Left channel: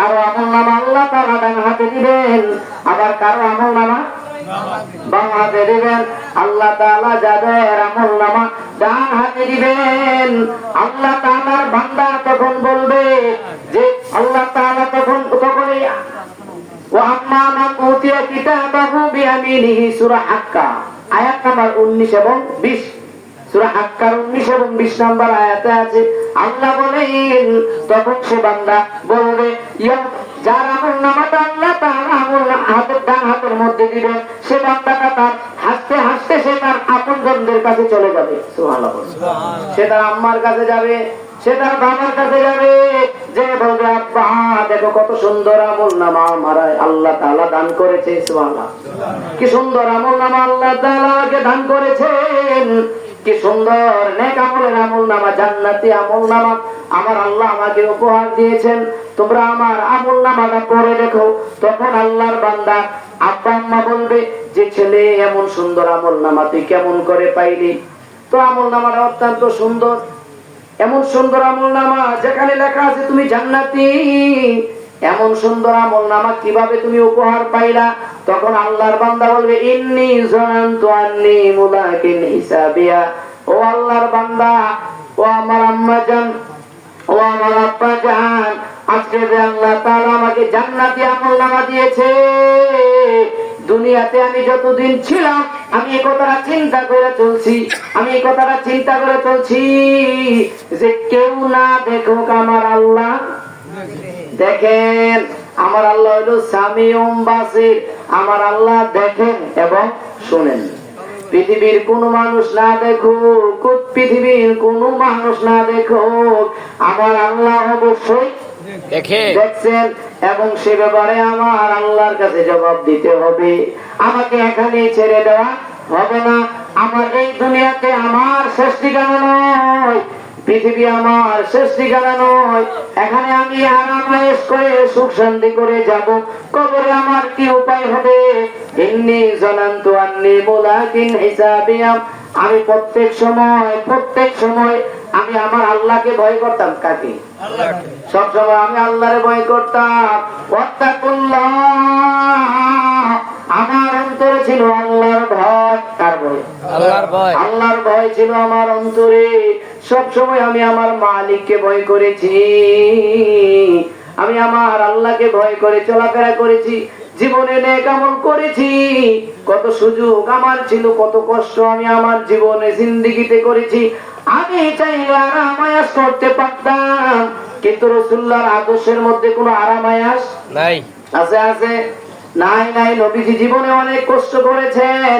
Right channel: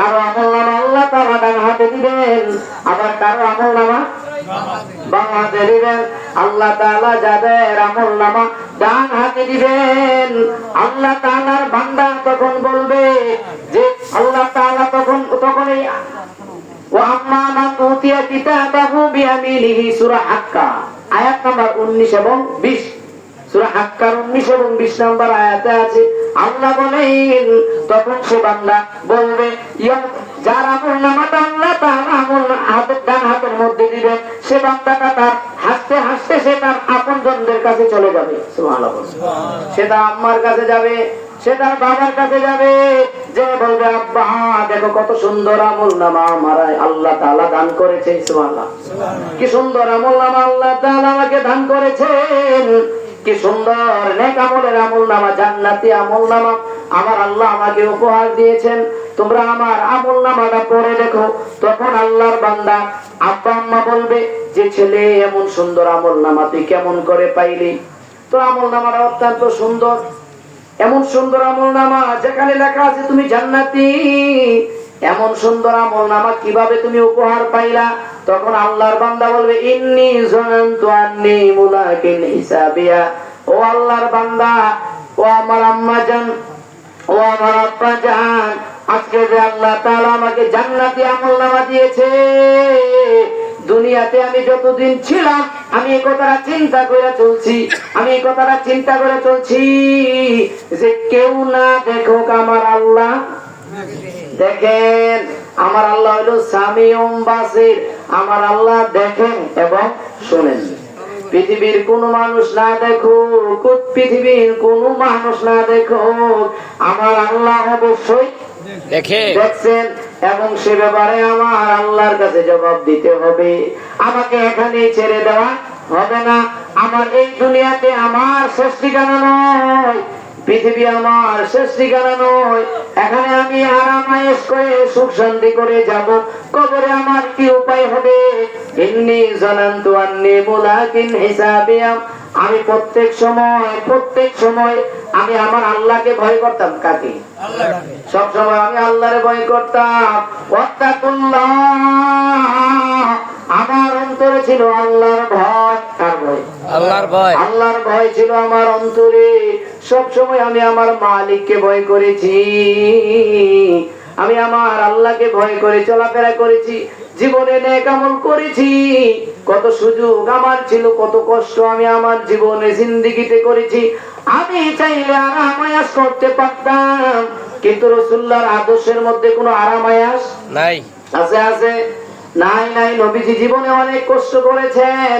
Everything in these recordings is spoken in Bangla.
কারো আমলনামা আল্লাহ তাআলা ডান হাতে দিবেন, আবার কারো আমলনামা বাম হাতে দিবেন। আল্লাহ তাআলা যাদের আমলনামা ডান হাতে দিবেন, আল্লাহ তাআলার বান্দা তখন বলবে যে আল্লাহ তাআলা তখনই ওয়া আম্মা মান উতিয়া কিতাবাহু বিয়ামিনিহি, সূরা হাক্কা আয়াত নাম্বার 19 এবং 20। সূরা হাক্কার 19 এবং 20 নম্বর আয়াতে আছে, আল্লাহ বলেন তখন সে বান্দা বলবে যার আমলনামাটা আল্লাহ তার ডান হাতের মধ্যে দিবেন, সে বান্দাটা তার হাসতে হাসতে সে তার আপনজনদের কাছে চলে যাবে। সুবহানাল্লাহ। সে তার আম্মার কাছে যাবে, সে তার বাবার কাছে যাবে, যে বলবে আব্বা দেখো কত সুন্দর আমলনামা আমার আল্লাহ তাআলা দান করেছে। সুবহানাল্লাহ। কি সুন্দর আমলনামা আল্লাহ তাআলা আমাকে দান করেছেন, কি সুন্দর নেক আমলের আমলনামা, জান্নাতি আমলনামা আমার আল্লাহ আমাকে উপহার দিয়েছেন, তোমরা আমার আমলনামাটা পড়ে দেখো। তখন আল্লাহর বান্দা আব্বা আম্মা বলবে যে ছেলে এমন সুন্দর আমলনামা তুই কেমন করে পাইলি? তো আমলনামাটা অত্যন্ত সুন্দর, এমন সুন্দর আমলনামা যেখানে লেখা আছে তুমি জান্নাতি, এমন সুন্দর আমলনামা কিভাবে তুমি উপহার পাইলা? তখন আল্লাহর বান্দা বলবে ইন্নী যানানতু আন্নী মুলাকিন হিসাবিয়া। ও আল্লাহর বান্দা, ও আমার আম্মা জান, ও আমার আব্বা জান, আজকে যে আল্লাহ তাআলা আমাকে জান্নাতি আমলনামা দিয়েছে, দুনিয়াতে আমি যতদিন ছিলাম আমি এই কথাটা চিন্তা করে চলছি, যে কেউ না দেখুক আমার আল্লাহ দেখেন। আমার আল্লাহ হলো সামিউম বাসির, আমার আল্লাহ দেখেন এবং শুনেন। পৃথিবীর কোন মানুষ না দেখুক, পৃথিবীর কোন মানুষ না দেখুক, আমার আল্লাহ অবশ্যই দেখছেন, এবং সে ব্যাপারে আমার আল্লাহর কাছে জবাব দিতে হবে। আমাকে এখানেই ছেড়ে দেওয়া হবে না। আমার এই দুনিয়াতে আমার শেষ ঠিকানা নয়, পৃথিবী আমার শেষ ঠিকানা নয়। এখানে আমি আরাম-আয়েশ করে সুখ শান্তি করে যাব, কবরে আমার কি উপায় হবে? ইন্নী যানানতু আন্নী মুলাকিন হিসাবিয়া। আমি প্রত্যেক সময় আমি আমার আল্লাহকে ভয় করতাম। কাকে? আল্লাহকে। সব সময় আমি আল্লাহরে ভয় করতাম। ওয়াত্তাকুল্লাহ, আমার অন্তরে ছিল আল্লাহর ভয়। কার ভয়? আল্লাহর ভয়। আল্লাহর ভয় ছিল আমার অন্তরে। সব সময় আমি আমার মালিককে ভয় করেছি, আমি আমার আল্লাহকে ভয় করে চলাফেরা করেছি, জীবনে নেক আমল করেছি। কত সুযোগ আমার ছিল, কত কষ্ট আমি আমার জীবনে জিন্দেগিতে করেছি। আমি চাইলে আরাম আয়াস করতে পারতাম, কিন্তু রাসূলুল্লাহর আদর্শের মধ্যে কোনো আরাম আয়াস নাই। আছে? নাই। নবীজি জীবনে অনেক কষ্ট করেছেন,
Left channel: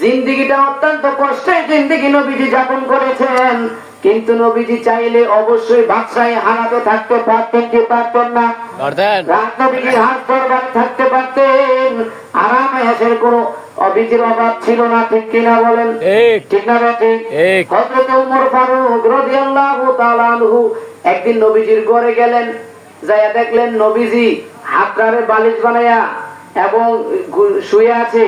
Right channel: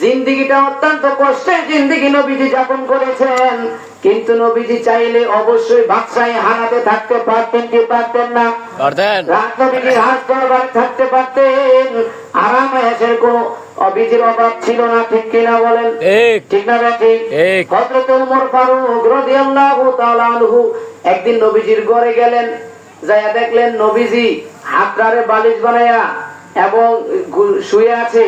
জিন্দেগিটা অত্যন্ত কষ্টের জিন্দেগি নবীজি যাপন করেছেন। কিন্তু নবীজি চাইলে অবশ্যই বাদশাহী হানাতে থাকতে পারতেন কি পারতেন না? নবীজি হাত দরবারে থাকতে পারতেন, আরাম আয়েশের কোনো অভিজির অভাব ছিল না। ঠিক কিনা বলেন? ঠিক না বেঠিক? হযরত ওমর ফারুক রাদিয়াল্লাহু তাআলা আনহু একদিন নবীজির ঘরে গেলেন, যাইয়া দেখলেন নবীজি হাতটারে বালিশ বানায়া এবং শুয়ে আছে,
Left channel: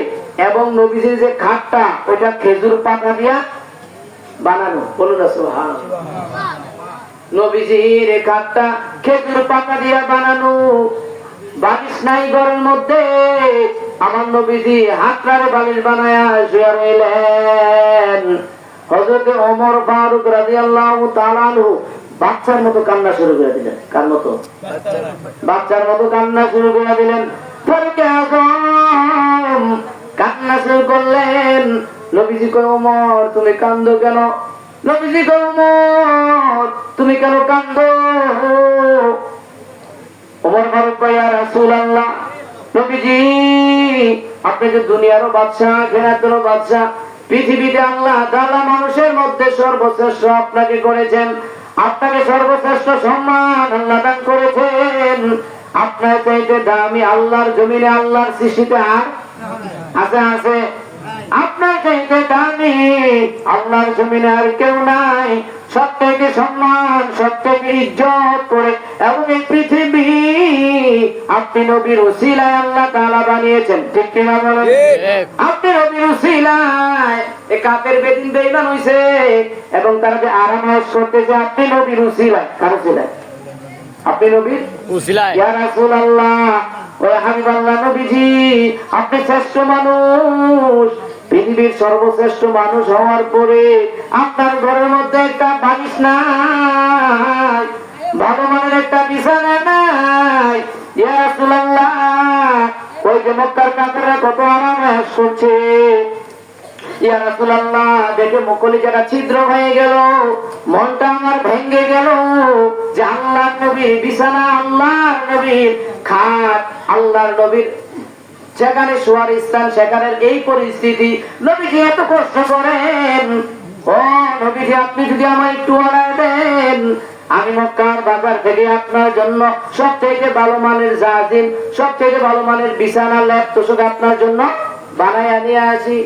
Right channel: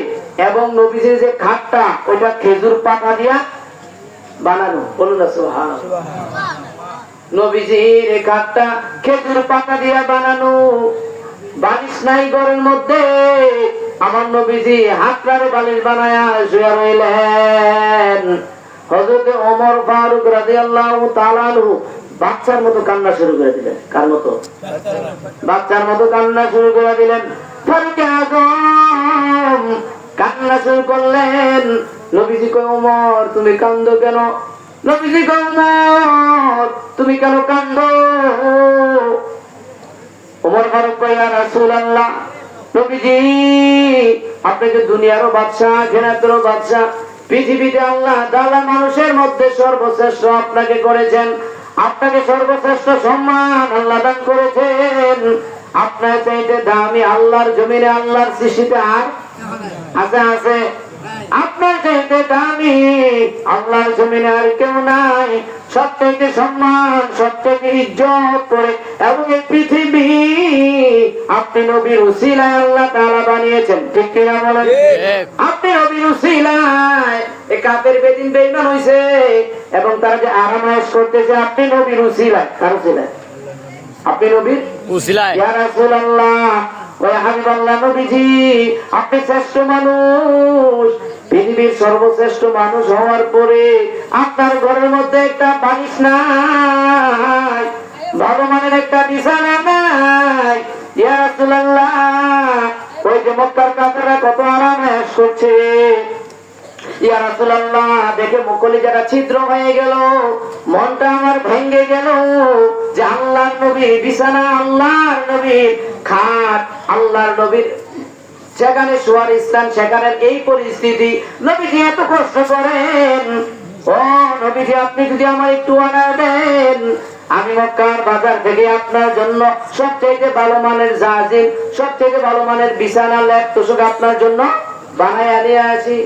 এবং নবীজির যে খাটটা ওটা খেজুর পাতা দিয়া বানানো। বলুন না সুবহানাল্লাহ। নবীজির এই খাটটা খেজুর পাতা দিয়া বানানো, বালিশ নাই ঘরের মধ্যে। আমার নবীজি হাতটারে বালিশ বানায়া শুয়ে রইলেন। হযরত ওমর ফারুক রাদিয়াল্লাহু তাআলা আনহু বাচ্চার মতো কান্না শুরু করে দিলেন। কার মতো? বাচ্চার মতো কান্না শুরু করে দিলেন। কান্না শুরু করলেন। নবীজি কয় ওমর তুমি কান্দো কেন? নবীজি কয় ওমর তুমি কেন কান্দো? ওমর ফারুক কয় ইয়া রাসূলুল্লাহ, নবীজি আপনি যে দুনিয়ারও বাদশা, আখিরাতেরও বাদশা, পৃথিবীতে আল্লাহ তাআলা মানুষের মধ্যে সর্বশ্রেষ্ঠ আপনাকে করেছেন, আপনাকে সর্বশ্রেষ্ঠ সম্মান আল্লাহ দান করেছেন। আপনার চাইতে দামি আল্লাহর জমিনে, আল্লাহর সৃষ্টিতে আর আছে? আপনার চাইতে দামি আল্লাহর জমিনে আর কেউ নাই। সবথেকে সম্মান, সবথেকে ইজ্জত করে এবং এই পৃথিবী আপনি নবীর উসিলায় আল্লাহ তাআলা বানিয়েছেন। ঠিক কিনা বলেন? আপনি নবীর উসিলায় এই কাফের বেদিন বেঈমান হইছে এবং তারা যে আরাম আয়েশ করতেছে, আপনি নবীর উসিলায়। কার উসিলায়? আপনি নবীর উসিলায় ইয়া রাসূলুল্লাহ ওয়া হাবিবাল্লাহ নবীজি, আপনি শ্রেষ্ঠ মানুষ, পৃথিবীর সর্বশ্রেষ্ঠ মানুষ হওয়ার পরে আপনার ঘরের মধ্যে একটা বালিশ নাই, ভালো মানের একটা বিছানা নাই। ইয়া রাসূলুল্লাহ, ওই যে মক্কার কাফেররা কত আরামে করছে, ইয়া রাসূলুল্লাহ দেখে কলিজাটা ছিদ্র হয়ে গেল, মনটা আমার ভেঙে গেল যে আল্লাহর নবীর বিছানা, আল্লাহর নবীর খাট, আল্লাহর নবীর সেখানে শোয়ার স্থান, সেখানে এই পরিস্থিতি, নবীজি এত কষ্ট করেন। ও নবীজি, আপনি যদি আমার একটু অর্ডার দেন, আমি মক্কার বাজার থেকে আপনার জন্য সব থেকে ভালো মানের জাজিম, সব থেকে ভালো মানের বিছানা, লেপ তোষক আপনার জন্য বানায় নিয়ে আসি।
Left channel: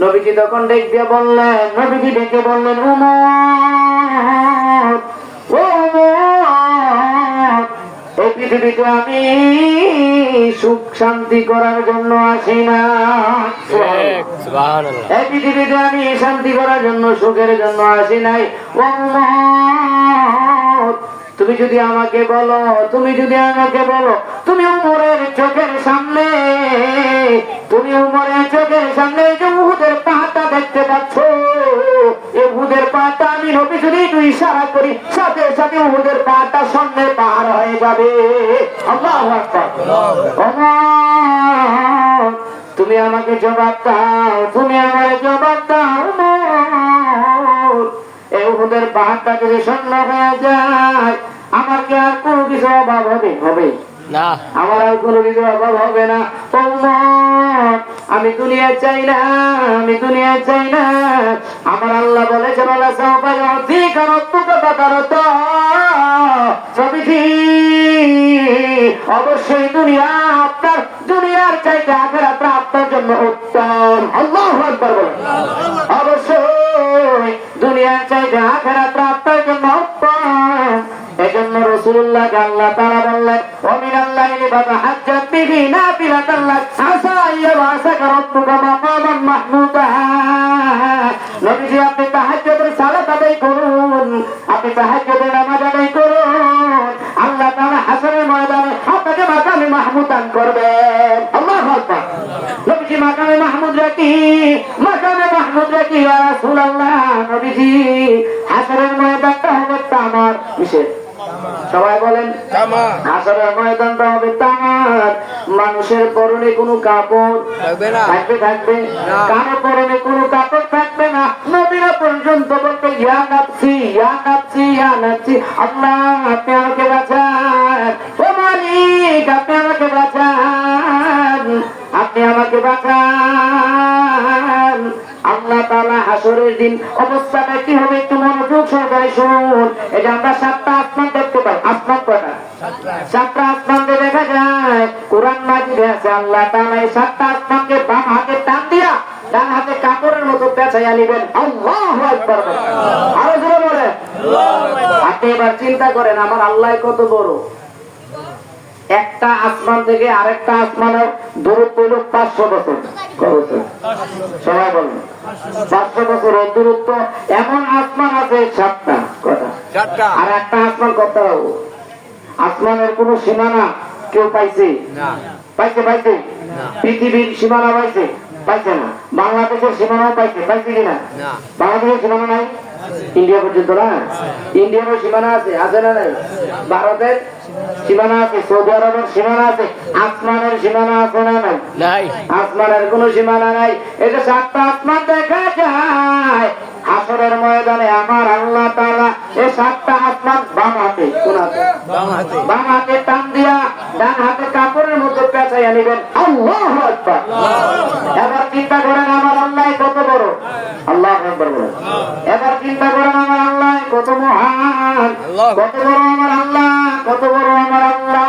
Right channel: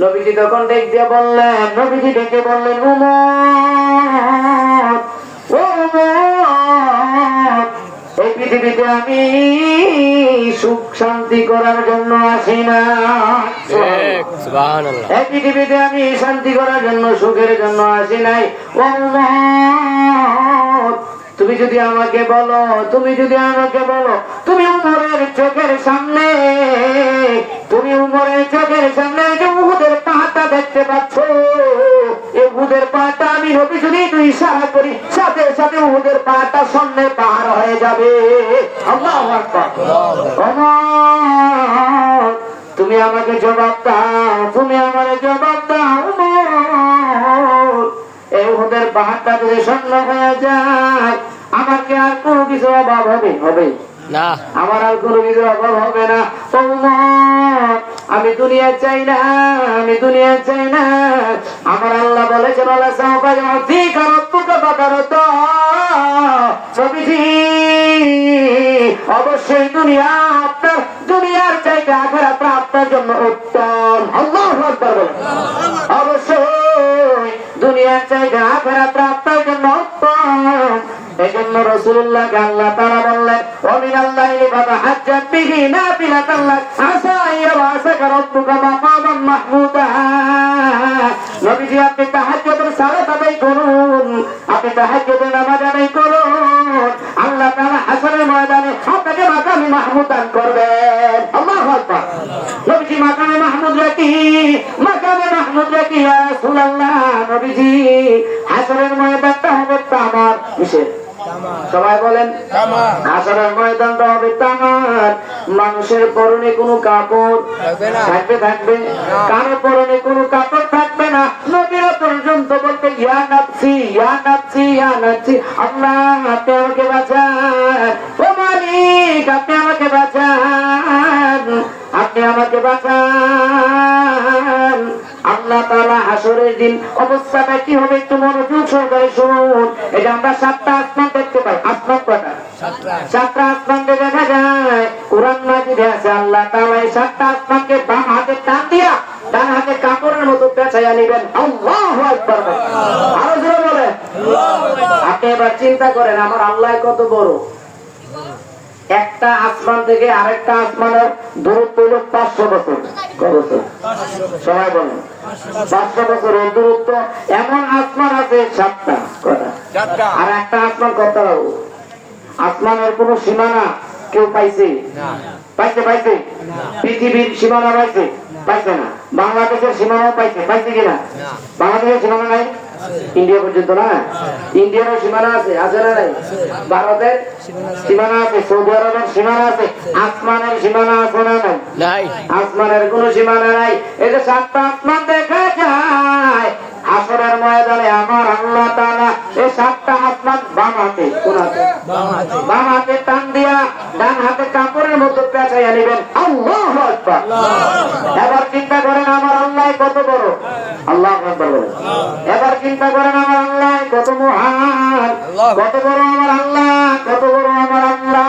নবীজি তখন ডেকে বললেন, নবীজি ডেকে বললেন, উমর, ও উমর, এই পৃথিবীতে আমি সুখ শান্তি করার জন্য আসি না, এই পৃথিবীতে আমি শান্তি করার জন্য, সুখের জন্য আসি নাই। ও উমর, তুমি যদি আমাকে বলো, তুমি যদি আমাকে বলো, তুমি উমরের চোখের সামনে, তুমি উমরের চোখের সামনে যে উহুদের পাহাড়টা দেখতে পাচ্ছ, এই উহুদের পাহাড়টা আমি নবী যদি একটু ইশারা করি, সাথে সাথে উহুদের পাহাড়টা সামনে পাহাড় হয়ে যাবে। আল্লাহু আকবার। উমর, তুমি আমাকে জবাব দাও, তুমি আমাকে জবাব দাও উমর, এই উহুদের পাহাড়টা যদি স্বর্ণ হয়ে যায়, আমার কি আর কোনো কিছু অভাব হবে? হবে না, আমার আর কোনো কিছু অভাব হবে না। উমর, আমি দুনিয়া চাই না, আমি দুনিয়া চাই না। আমার আল্লাহ বলেছেন, আল্লাহ সাওফা ইউতিকা রাব্বুকা ফাতারদা, নবীজি অবশ্যই দুনিয়া আপনার, দুনিয়ার চাইতে আখিরাত আপনার জন্য উত্তম। আল্লাহু আকবার বলেন। অবশ্যই দুনিয়ার চাইতে আখিরাত আপনার জন্য উত্তম। এজন্য রাসূলুল্লাহকে আল্লাহ তাআলা বললেন, ওয়া মিনাল-লাইলি ফাতাহাজ্জাত বিহি নাফিলাতান লাক আসা ইয়াবআসাকা রাব্বুকা মাকামান মাহমুদা। নবীজি, আপনি তাহাজ্জুদের সালাত আদায় করুন, আপনি তাহাজ্জুদের নামাজ আদায় করুন, আল্লাহ তাআলা হাসরের ময়দানে আপনাকে মাকামে মাহমুদ দান করবেন। আল্লাহু আকবার। নবীজি মাকামে মাহমুদ রাখি, মাকামে মাহমুদ রাখি ইয়া রাসূলুল্লাহ। নবীজি, হাসরের ময়দানটা হবে তামার, কিসের? সবাই বলেন, হাসরের ময়দানটা হবে তামার। মানুষের পরনে কোনো কাপড় থাকবে? থাকবে। কারো পরনে কোনো কাপড় থাকবে না। নবীরা পর্যন্ত বলতে, ইয়া নাফসি, ইয়া নাফসি, ইয়া নাফসি, আল্লাহ আপনি আমাকে বাঁচান, ও মালিক আপনি আমাকে বাঁচান, আপনি আমাকে বাঁচান। আল্লাহ তাআলা হাসরের দিন অবস্থাটা কি হবে একটু মনোযোগ সহকারে শুনুন। এই যে আমরা 7টা আসমান দেখতে পাই, আসমান কয়টা? 7টা আসমান দেখা যায়, কোরআন মাজিদে আছে। আল্লাহ তাআলা এই 7টা আসমানকে বাম হাতে টান দিয়া ডান হাতে কাপড়ের মতো পেঁচাইয়া নিবেন। আল্লাহু আকবার। আরো জোরে বলে আল্লাহু আকবার। আপনি এবার চিন্তা করেন, আমার আল্লাহ কত বড়। একটা আসমান থেকে আরেকটা আসমানের দূরত্ব হলো 500 বছর। কত বছর? সবাই বলেন 500 বছর দূরত্ব। এমন আসমান আছে 7টা, কটা? আর একটা আসমান কত? আসমানের কোন সীমানা কেউ পাইছে? পাইছে? পাইছে? পৃথিবীর সীমানা পাইছে? পাইছে না। বাংলাদেশের সীমানাও পাইছে? পাইছে কিনা? বাংলাদেশের সীমানা নাই, ইন্ডিয়া পর্যন্ত না। ইন্ডিয়ারও সীমানা আছে, আছে না নাই? ভারতের সীমানা আছে, সৌদি আরবের সীমানা আছে, আসমানের সীমানা আছে না নাই? আসমানের কোন সীমানা নাই। এই যে 7টা আসমান দেখা যায়, হাসরের ময়দানে আমার আল্লাহ তাআলা এই 7টা আসমান বাম হাতে, কোন হাতে? বাম হাতে টান দিয়া ডান হাতে কাপড়ের মধ্যে পেঁচাইয়া নিবেন। আল্লাহু আকবার। এবার চিন্তা করেন আমার আল্লাহ কত বড়। আল্লাহু আকবার বলেন। এবার চিন্তা করেন আমার আল্লাহ কত মহান, কত বড় আমার আল্লাহ, কত বড় আমার আল্লাহ,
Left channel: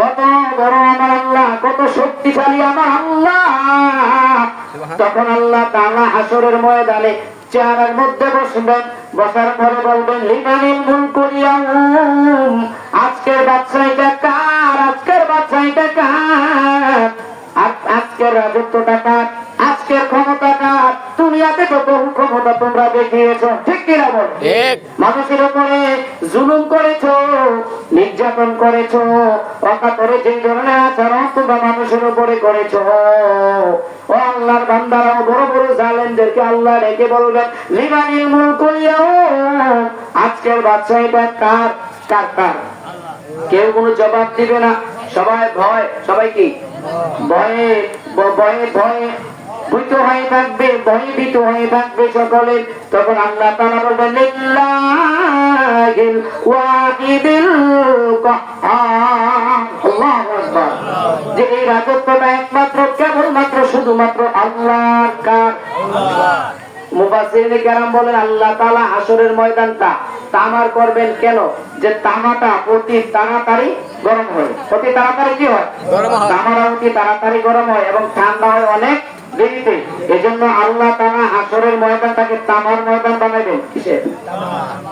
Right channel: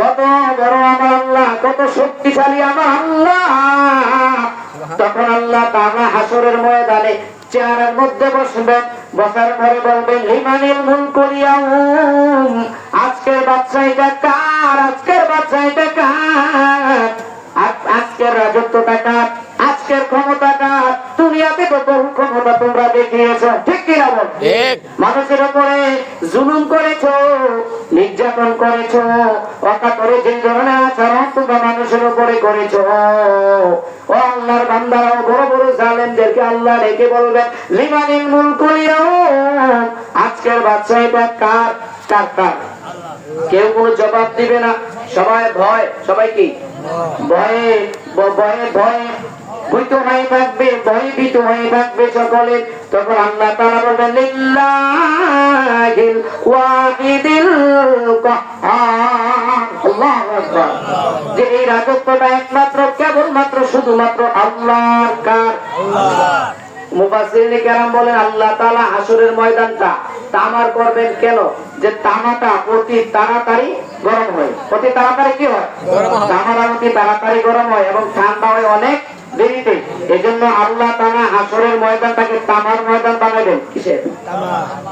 কত বড় আমার আল্লাহ, কত শক্তিশালী আমার আল্লাহ। তখন আল্লাহ তাআলা হাসরের ময়দানে চেহারার মধ্যে বসবেন, বসার পরে বলবেন, লিমানিল মুলকুল ইয়াউম, আজকের বাদশা এটা কার, আজকের বাদশা এটা কার, আজকের রাজত্বটা কার, আজকের ক্ষমতা কার। দুনিয়াতে তো বহু ক্ষমতা তোমরা দেখিয়েছো, ঠিক কিনা বল? মানুষের উপরে জুলুম করেছো, নির্যাতন করেছো, অকাতরে যে ধরনের আচরণ তোমরা মানুষের উপরে করেছো, ও আল্লাহর বান্দারা, বড় বড় জালেমদেরকে আল্লাহ ডেকে বলবেন লিমানিল মুলকুল ইয়াউম, আজকের বাদশা এটা কার? কার কার? কেউ কোনো জবাব দিবে না, সবাই ভয়, সবাই কি ভয়ে ভয়ে ভয়ে ভীত হয়ে থাকবে, ভয়ে ভীত হয়ে থাকবে সকলে। তখন আল্লাহ তাআলা বলবেন লিল্লাহিল ওয়াহিদিল কাহ্হার, আল্লাহু আকবার, যে এই রাজত্বটা একমাত্র কেবলমাত্র শুধুমাত্র আল্লাহর। কার? মুফাসসিরিনে কেরাম বলেন আল্লাহ তাআলা হাসরের ময়দানটা তামার করবেন কেন? যে তামাটা অতি তাড়াতাড়ি গরম হয়। অতি তাড়াতাড়ি কি হয়? তামাটা অতি তাড়াতাড়ি গরম হয় এবং ঠান্ডা হয় অনেক দেরিতে। এজন্য আল্লাহ তাআলা হাসরের ময়দানটাকে তামার ময়দান বানাবেন।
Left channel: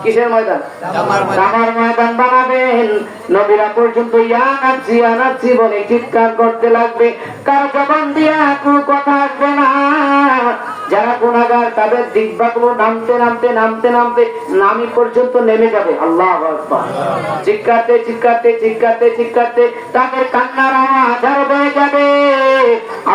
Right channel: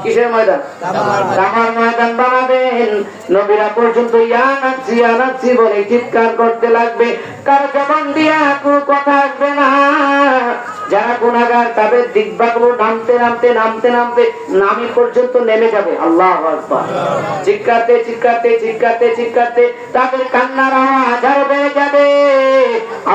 কিসের ময়দান? তামার ময়দান বানাবেন। নবীরা পর্যন্ত ইয়া নাফসি বলে চিৎকার করতে লাগবে, কারো জবান দিয়া কোনো কথা আসবে না। যারা গুনাহগার তাদের দিকবাগুলো নামতে নামতে নামতে নামতে নামি পর্যন্ত নেমে যাবে। আল্লাহু আকবার। চিৎকারতে চিৎকারতে চিৎকারতে চিৎকারতে তাদের কান্নার আওয়াজ আরো বেড়ে যাবে।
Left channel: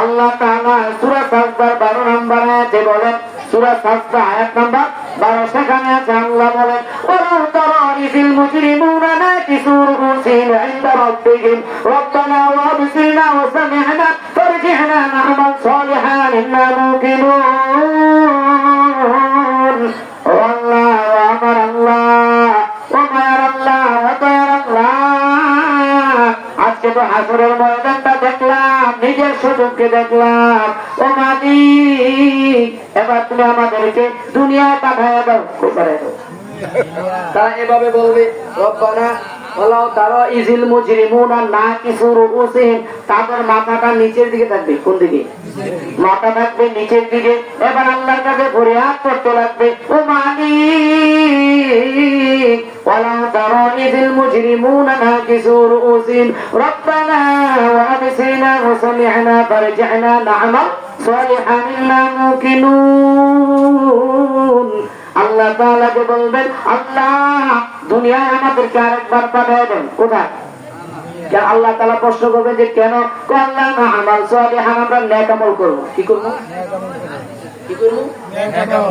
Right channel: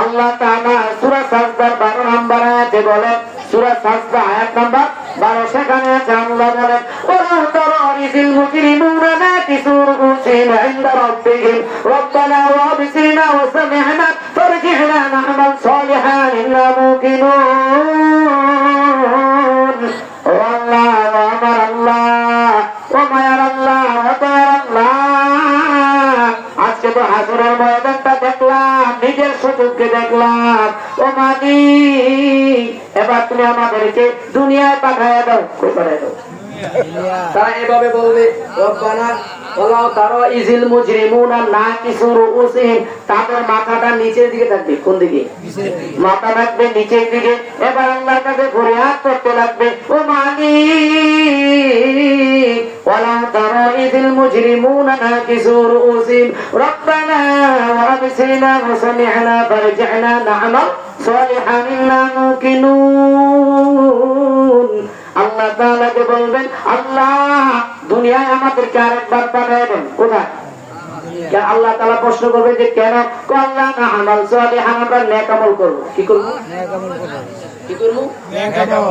আল্লাহ তাআলা সূরা সাজদার 12 নম্বর আয়াতে বলেন, সূরা সাজদা আয়াত নাম্বার 12, সেখানে আছে আল্লাহ বলেন ওয়ালাউ তারা ইযিল মুজরিমুনা নাকিসু রুউসিহিম ইনদা রাব্বিহিম রব্বানা ওয়াবসিরনা ওয়া সামি'না ফারজি'না না'মাল সালিহান ইন্না মুকিনুন। ও আল্লাহ, আমার আল্লাহ, ও মায়ার আল্লাহ, ও দয়ার আল্লাহ, আজকে তো হাসরের ময়দানটা দেখলাম, নিজের চোখে দেখলাম। ও মালিক, এবার তুমি আমাদেরকে দুনিয়ায় পাঠায় দাও। তারা এভাবে বলবে রব্বানা ওয়ালাউ তারা ইযিল মুজরিমুনা নাকিসু রুউসিহিম, তাদের মাথাটা নিচের দিকে থাকবে। কোন দিকে? মাথা থাকবে নিচের দিকে। এবার আল্লাহর কাছে ফরিয়াদ করতে লাগবে, ও মালিক ওয়ালাউ তারা ইযিল মুজরিমুনা নাকিসু রুউসিহিম রব্বানা ওয়াবসিরনা ওয়া সামি'না ফারজি'না না'মাল সালিহান ইন্না মুকিনুন। আল্লাহ তাআলাকে বলবেন আল্লাহ দুনিয়ায় আমাদেরকে আরেকবার পাঠাবেন। কোথায়? আল্লাহ তাআলা প্রশ্ন করবে যে কেন? আল্লাহ না আমাল সালিহান, আমরা নেক আমল করব। কি করব? কি করব?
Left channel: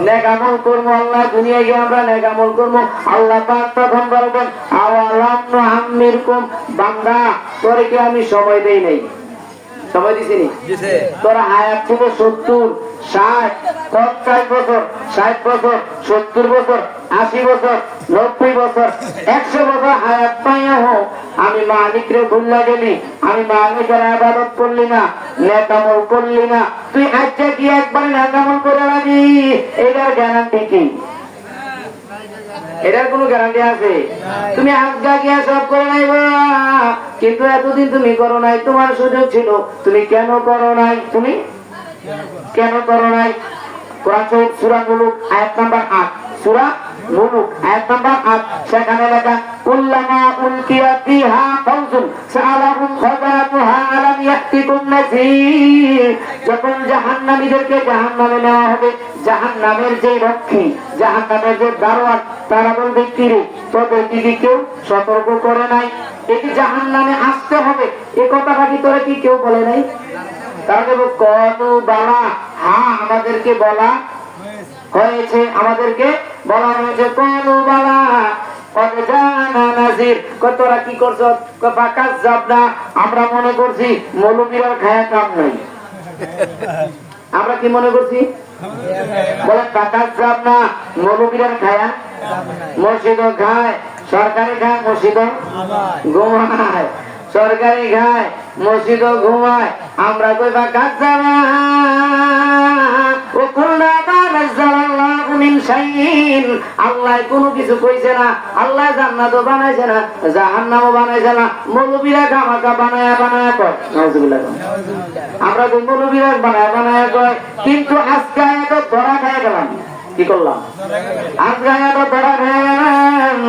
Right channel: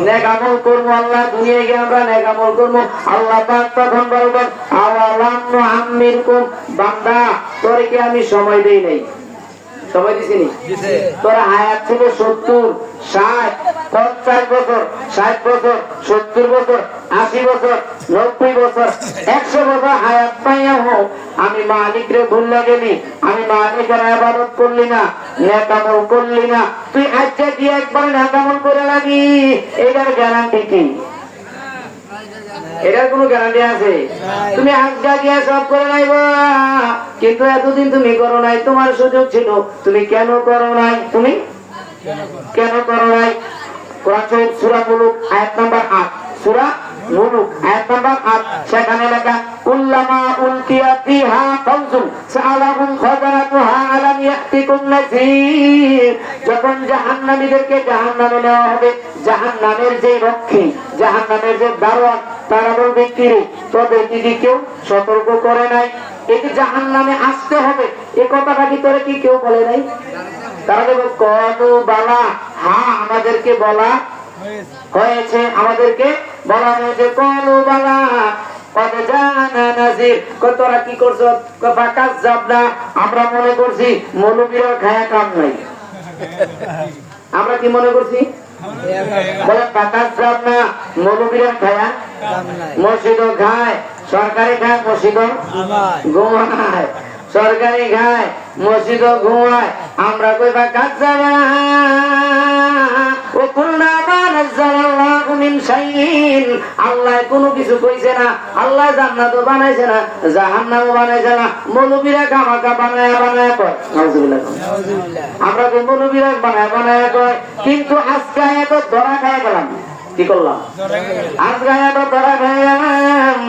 নেক আমল করব। আল্লাহ দুনিয়ায় গিয়ে আমরা নেক আমল করব। আল্লাহ পাক তখন বলবেন আওয়ালাম নুআম্মিরকুম, বান্দা তোরে কি আমি সময় দেই নাই? সময় দিছিনি? তোর হায়াত ছিল 70, 60, 50 বছর, 60 বছর, 70 বছর, 80 বছর, 90 বছর, 100 বছর হায়াত পাইয়া হোক আমি মালিকরে ভুললা গেলি, আমি মালিকের ইবাদত করলি না, নেক আমল করলি না, তুই আজকে কি একবার নেক আমল করে লাগি, এটার গ্যারান্টি কি? এটার কোনো গ্যারান্টি আছে? তুমি আজকে গিয়া সব করে নাই কিন্তু এতদিন তুমি করো নাই, তোমার সুযোগ ছিল, তুমি কেন করো নাই? তুমি কেন করো নাই? কোরআন শরীফ সূরা মুলুক আয়াত নাম্বার 8, সূরা মুলুক আয়াত নাম্বার 8, সেখানে লেখা কুল্লামা উলকিয়া ফিহা ফাউজুন সাআলাহুম খাযানাতুহা আলাম ইয়াতিকুম নাযীর, যখন জাহান্নামীদেরকে জাহান্নামে নেওয়া হবে, জাহান্নামের যে রক্ষী, জাহান্নামের যে দারোয়ান, তারা বলবে কি রে তোদের কি কেউ সতর্ক করে নাই? এটি জাহান্নামে আসতে হবে, এই কথাটা কি তোরা কি কেউ বলে নাই? তারা বলবে কলু বালা, হ্যাঁ আমাদেরকে বলা হয়েছে, আমাদেরকে বলা হয়েছে। কলু বালা কত জানা নাজির, কতরা কি করছো? বাকাস যাব না, আমরা মনে করছি মৌলবীরা খায়া কাম নাই। আমরা কি মনে করছি? বলে বাকাস যাব না, মৌলবীরা খায়া মসজিদ খায়, সরকারি খায়, মসজিদ ঘুমায়, সরকারি খায়, মসজিদ ঘুমায়, আমরা কই বাকাস যাব না। আল্লাহ কোনো কিছু কইছে না, আল্লাহ জান্নাতও বানাইছে না, জাহান্নামও বানাইছে না, মৌলবীরা গামাকা বানায়া বানায়া কয়। আমরা তো মৌলবীরা বানায়া বানায়া কয়, কিন্তু আজকে এত ধরা খায় গেলাম। কি করলাম? আজকে এত ধরা খায় গেলাম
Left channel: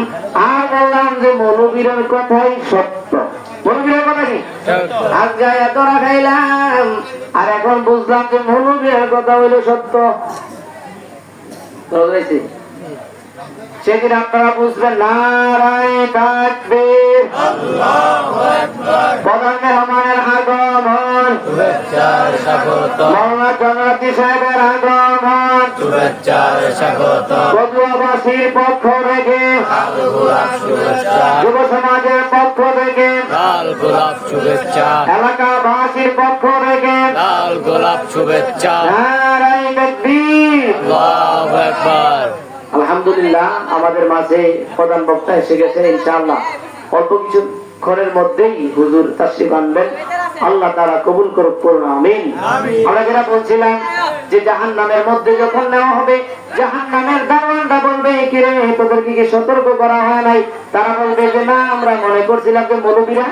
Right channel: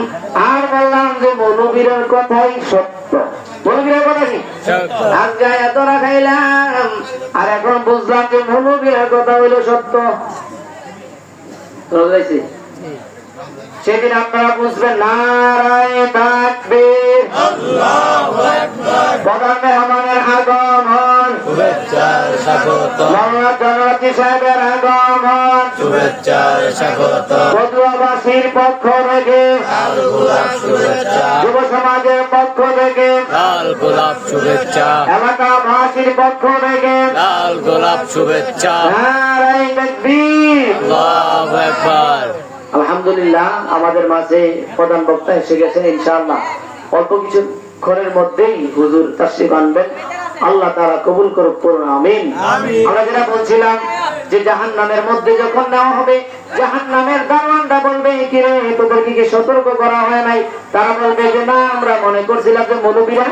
আর বললাম যে মৌলবীরার কথাই সত্য। মৌলবীরার কথা কি? আজকে এত ধরা খাইলাম আর এখন বুঝলাম যে মৌলবীরার কথা হইল সত্য। বলেছি সেদিন আপনারা বুঝবেন নারায়ে তাকবীর, আল্লাহু আকবার, প্রধান মেহমানের আগমন, শুভেচ্ছার স্বাগত, মোহাম্মদ জানাতি সাহেবের আগমন, শুভেচ্ছার স্বাগত, পটুয়াবাসীর পক্ষ থেকে, লাল গোলাপ শুভেচ্ছা, যুব সমাজের পক্ষ থেকে, লাল গোলাপ শুভেচ্ছা, এলাকাবাসীর পক্ষ থেকে লাল গোলাপ শুভেচ্ছা, নারায়ে তাকবীর। আল্লাহু আকবার। আলহামদুলিল্লাহ, আমাদের মাঝে প্রধান বক্তা এসে গেছেন। ইনশাআল্লাহ অল্প কিছুক্ষণের মধ্যেই হুজুর তাশরীফ আনবেন। আল্লাহ তাআলা কবুল করুক, পড়ুন আমিন। আমরা যেটা বলছিলাম যে জাহান্নামের মধ্যে যখন নেওয়া হবে, জাহান্নামের দারোয়ানরা বলবে কি রে, তোদেরকে কি সতর্ক করা হয় নাই? তারা বলবে যে না, আমরা মনে করছিলাম যে মৌলবীরা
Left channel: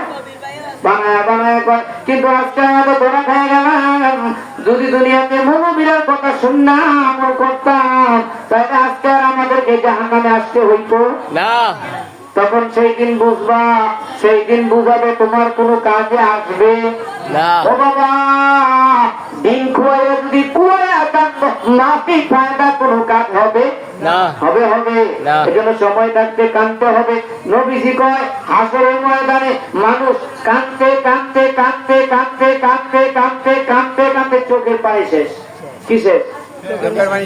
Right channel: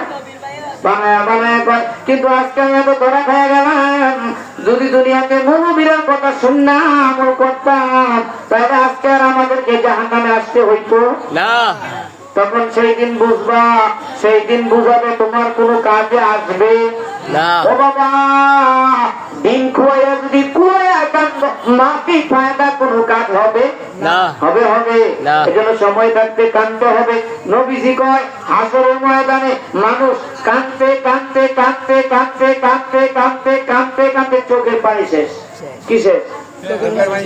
বানায় বানায় কয়, কিন্তু আজকে আমাদের ধরা খেয়ে গেলাম। যদি দুনিয়াতে মৌলবীরার কথা শুননা আমল করতাম, তাহলে আজকে আর আমাদেরকে জাহান্নামে আসতে হইতো না। তখন সেই দিন বুঝবা, সেই দিন বুঝাবে তোমার কোনো কাজে আসবে না। ও বাবা, দিন খুয়াইয়া যদি কুয়াইয়া কাঁদবো, মাটি ফায়দা কোনো কাজ হবে না। হবে হবে না। এজন্য সময় থাকতে কাঁদতে হবে। নবীজি কয় হাসরের ময়দানে মানুষ কাঁদতে কাঁদতে কাঁদতে কাঁদতে কাঁদতে কাঁদতে কাঁদতে কাঁদতে চোখের পানি শেষ। কি শেষ?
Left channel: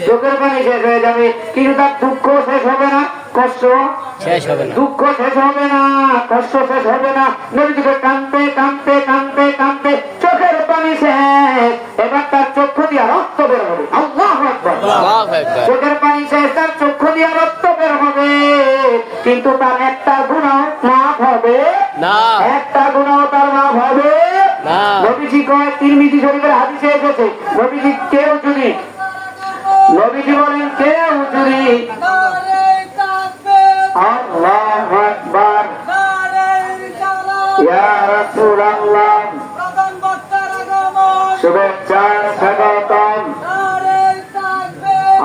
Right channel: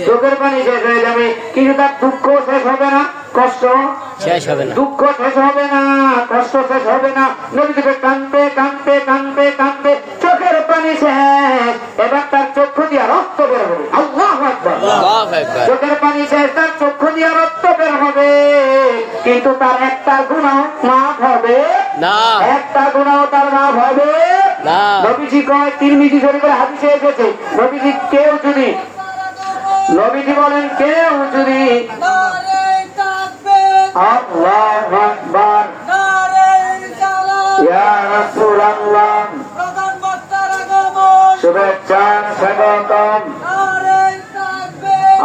চোখের পানি শেষ হয়ে যাবে, কিন্তু তার দুঃখ শেষ হবে না, কষ্ট শেষ হবে না। দুঃখ শেষ হবে না, কষ্ট শেষ হবে না। নবীজি কয় কাঁদতে কাঁদতে কাঁদতে কাঁদতে চোখের পানি শেষ, এবার তার চক্ষু দিয়ে রক্ত বের হবে। আল্লাহু আকবার। আল্লাহু আকবার। চোখের পানি শেষ, তার চক্ষু দিয়ে রক্ত বের হবে, কিন্তু তার একটা গুনাহ মাফ হবে না। একটা গুনাহ তার মাফ হবে না। নবীজি কয়, তিরমিজি শরীফের হাদিসে এসেছে, নবীজি কেউ যদি, নবীজি বলেন কেউ যদি আল্লাহু আকবার ইয়া রাসূলুল্লাহ শুভেচ্ছা স্বাগতম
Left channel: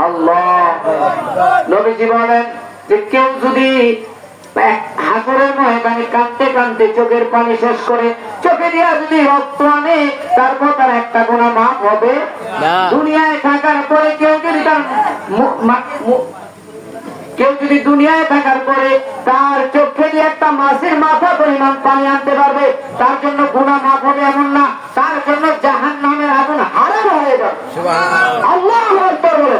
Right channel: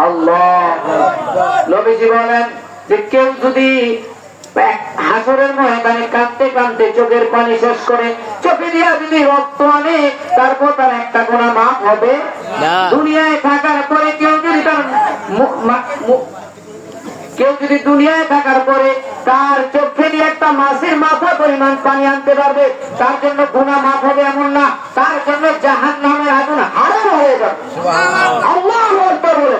আল্লাহু আকবার। নবীজি বলেন যে কেউ যদি হাসরের ময়দানে কাঁদতে কাঁদতে চোখের পানি শেষ করে, চোখে দিয়া যদি রক্ত আনে, তারপর তার একটা গুনাহ মাফ হবে না। দুনিয়ায় থাকার পরে কেউ যদি তার কেউ যদি দুনিয়ায় থাকার পরে তার চোখে দিয়ে একটা মাছের মাথা পরিমাণ পানি আনতে পারবে, তার জন্য গুনাহ মাফ হবে এমন না, তার জন্য জাহান্নামের আগুন হারাম হয়ে যাবে। আল্লাহু আকবার বলে।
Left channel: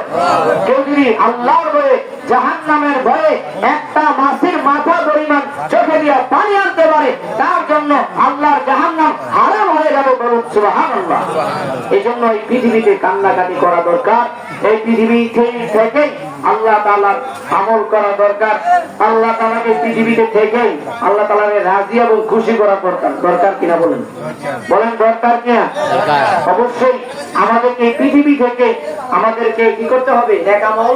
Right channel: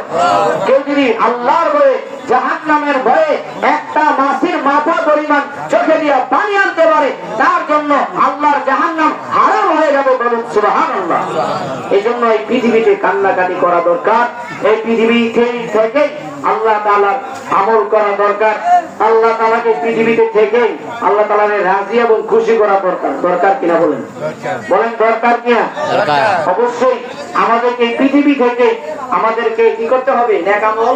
কেউ যদি আল্লাহর ভয়ে, জাহান্নামের ভয়ে একটা মাছের মাথা পরিমাণ চোখে দিয়ে পানি আনতে পারে, তার জন্য আল্লাহর জাহান্নাম হারাম হয়ে যাবে, বলুন সুবহানাল্লাহ। এই জন্য এই পৃথিবীতে কান্নাকাটি করা দরকার, এই পৃথিবী থেকে আল্লাহ তাআলার আমল করা দরকার। আল্লাহ তাআলাকে পৃথিবীতে থেকে আল্লাহ তাআলার রাজি এবং খুশি করা দরকার। দরকার কিনা বলেন? বলেন দরকার কিনা? দরকার। অবশ্যই আমাদেরকে এই পৃথিবী থেকে আমাদেরকে কি করতে হবে? নেক আমল।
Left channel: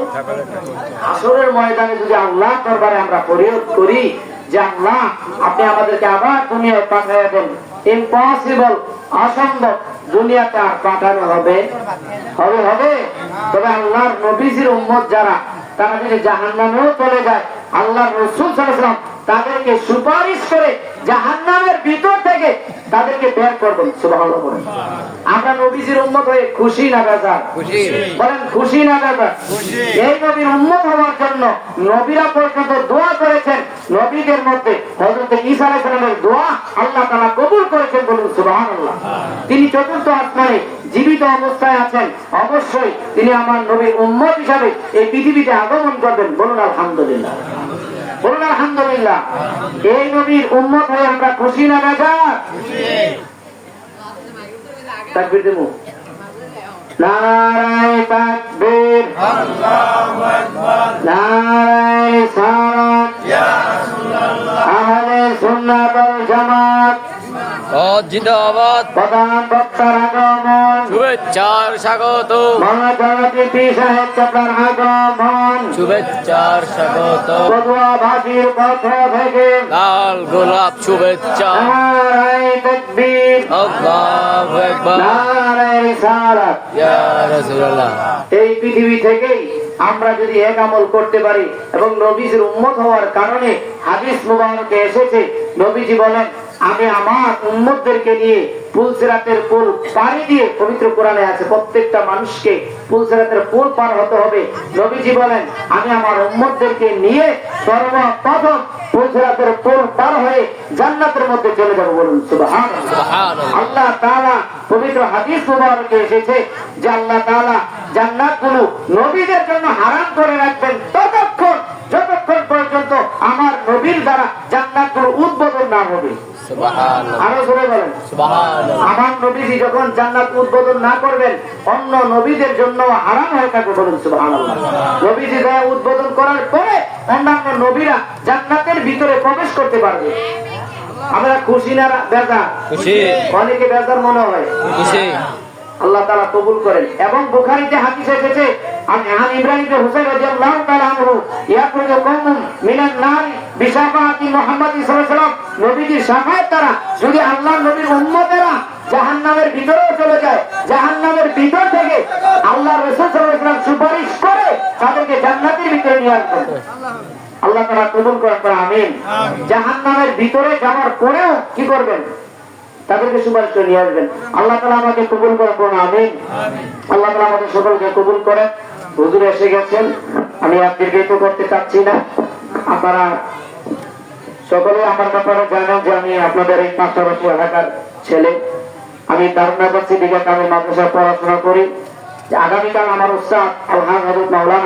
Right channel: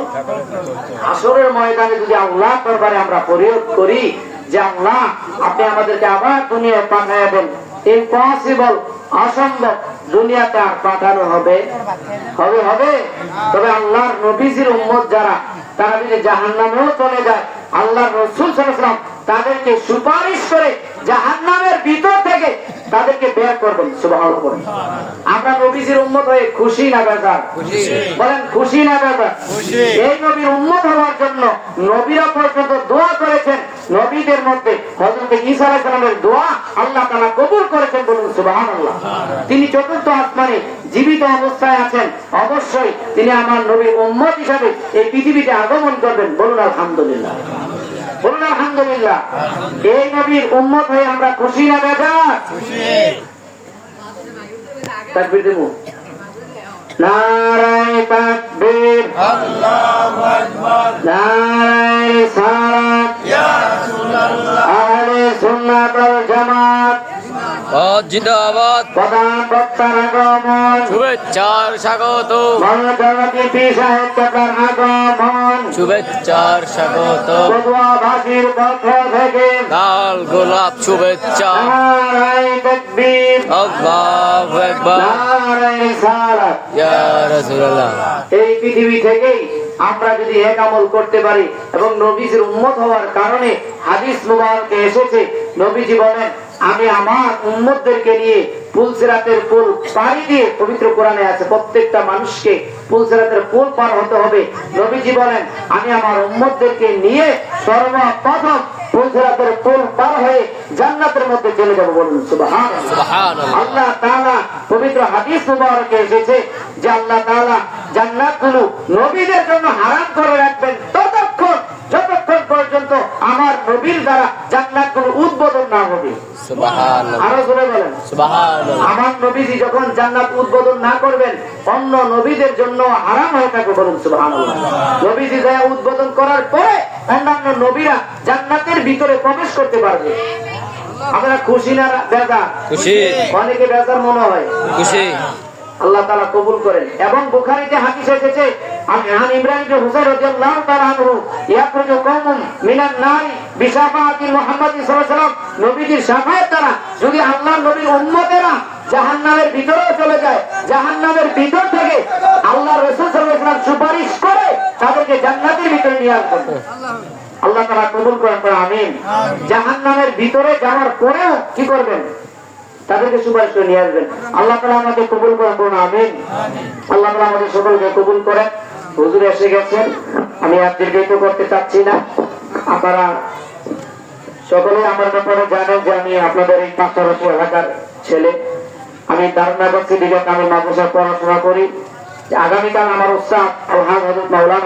হাসরের ময়দানে যদি আল্লাহ দরবারে আমরা ফরিয়াদ করি যে আল্লাহ আপনি আমাদেরকে আবার দুনিয়ায় পাঠাবেন, ইম্পসিবল, অসম্ভব, দুনিয়াতে আর পাঠানো হবে হবে হবে তবে আল্লাহর নবীজির উম্মত যারা, তারা যদি জাহান্নামেও চলে যায়, আল্লাহর রাসূল সাল্লাল্লাহু আলাইহি ওয়াসাল্লাম তাদেরকে সুপারিশ করে জাহান্নামের ভিতর থেকে তাদেরকে বের করবেন। সুবহানাল্লাহ বলেন। আমরা নবীজির উম্মত হয়ে খুশি না বেজার? খুশি। বলেন খুশি না বেজার? এই নবীর উম্মত হওয়ার জন্য নবীরা পর্যন্ত দোয়া করেছেন। নবীদের মধ্যে হযরত ঈসা আলাইহিস সালামের দোয়া আল্লাহ তাআলা কবুল করেছেন, বলুন সুবহানাল্লাহ। তিনি চতুর্থ আসমানে জীবিত অবস্থায় আছেন, অবশ্যই তিনি আমার নবীর উম্মত হিসাবে এই পৃথিবীতে আগমন করবেন, বলুন আলহামদুলিল্লাহ। বলুন আলহামদুলিল্লাহ। এই নবীর উম্মত হয়ে আমরা খুশি না বেজার? তাকবীর দেবো। নারায়ে তাকবীর, আল্লাহু আকবার, নারায়ে রিসালাত, ইয়া রাসূলুল্লাহ, আহলে সুন্নাত ওয়াল জামাত, জিন্দাবাদ। প্রধান বক্তার আগমন, শুভেচ্ছার স্বাগত, মহাজগতী সাহেব কতার আগমন, শুভেচ্ছার স্বাগত, পটুয়াবাসীর পক্ষ থেকে লাল গোলাপ শুভেচ্ছা, নারায়ে তাকবীর, আল্লাহু আকবার, নারায়ে রিসালাত। ইয়া রাসূলুল্লাহ। এই পৃথিবী থেকেই আমরা যদি এক আমল করতে পারি এবং নবীজির উম্মত হওয়ার কারণে হাদিস মুবারকে এসেছে, নবীজি বলেন আমি আমার উম্মতদেরকে নিয়ে পুলসিরাতের পুল পাড়ি দিয়ে, পবিত্র কোরআনে আছে প্রত্যেকটা মানুষকে পুলসিরাতের পুল পার হতে হবে। নবীজি বলেন আমি আমার উম্মতদেরকে নিয়ে সর্বপ্রথম পুলসিরাতের পুল পার হয়ে জান্নাতের মধ্যে চলে যাবো। বলুন সুবহানাল্লাহ। সুবহানাল্লাহ। আল্লাহ তাআলা পবিত্র হাদিস মুবারকে এসেছে যে আল্লাহ তাআলা জান্নাতগুলো নবীদের জন্য হারাম করে রাখবেন যতক্ষণ পর্যন্ত আমার নবীর দ্বারা জান্নাতগুলো উদ্বোধন না হবে। সুবহানাল্লাহ। আরো জোরে বলেন সুবহানাল্লাহ। আমার নবীজি যখন জান্নাত উদ্বোধন না করবেন অন্য নবীদের জন্য হারাম হয়ে থাকবে। বলুন সুবহানাল্লাহ। নবীজি দয়া উদ্বোধন করার পরে অন্যান্য নবীরা জান্নাতের ভিতরে প্রবেশ করতে পারবে। আমরা খুশি না বেজার? খুশি। অনেকে বেজার মনে হয়। খুশি। আল্লাহ তাআলা কবুল করেন। এবং বুখারীতে হাদিস এসেছে আন ইব্রাহিম ইবনে হুসাইন রাদিয়াল্লাহু তাআলা আনহু ইয়াখরুজু কওমুন মিনান নার বিশাফাআতি মুহাম্মদ সাল্লাল্লাহু আলাইহি ওয়াসাল্লাম, নবীজির শাফায়াত দ্বারা যদি আল্লাহর নবীর উম্মতেরা জাহান্নামের ভিতরে চলে যায়, জাহান্নামের ভিতর থেকে আল্লাহ রাসূল সাল্লাল্লাহু আলাইহি ওয়াসাল্লাম সুপারিশ করে তাদেরকে জান্নাতের ভিতরে নিয়ে আসবেন। আল্লাহ তাআলা কবুল করেন। আমিন। জাহান্নামের ভিতরে যাওয়ার পরেও কি করবেন? তাদেরকে সুপারিশ করে নিয়ে আসবেন। আল্লাহ তাআলা আমাকে কবুল করেন। আমিন। আল্লাহ তাআলা আমাদের সকলকে কবুল করেন। হুজুর এসে গেছেন, আমি আর দীর্ঘায়িত করতে চাচ্ছি না। আপনারা সকলে আমার ব্যাপারে জানেন যে আমি আপনাদের এই পাঁচশো এলাকার ছেলে। আমি দারুন ইউনিভার্সিটি থেকে আমি মাদ্রাসায় পড়াশোনা করি। আগামীকাল আমার উস্তাদ আলহাজ হযরত মাওলানা